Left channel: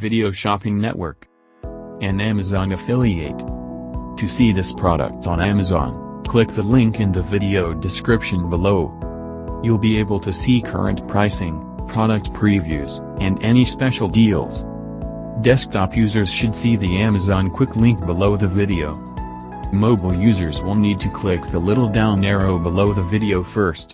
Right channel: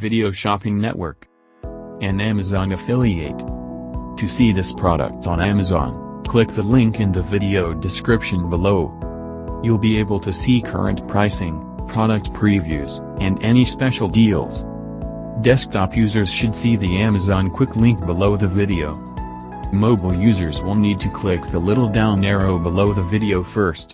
video shopping network. An Amazon affiliate. To see this product on Amazon, click the link in the video description below. You'll be able to see current pricing, product previews, and any special deals. Desktop users should see the Amazon quick link below the video. Mobile users will need to click the little down arrow below the video first.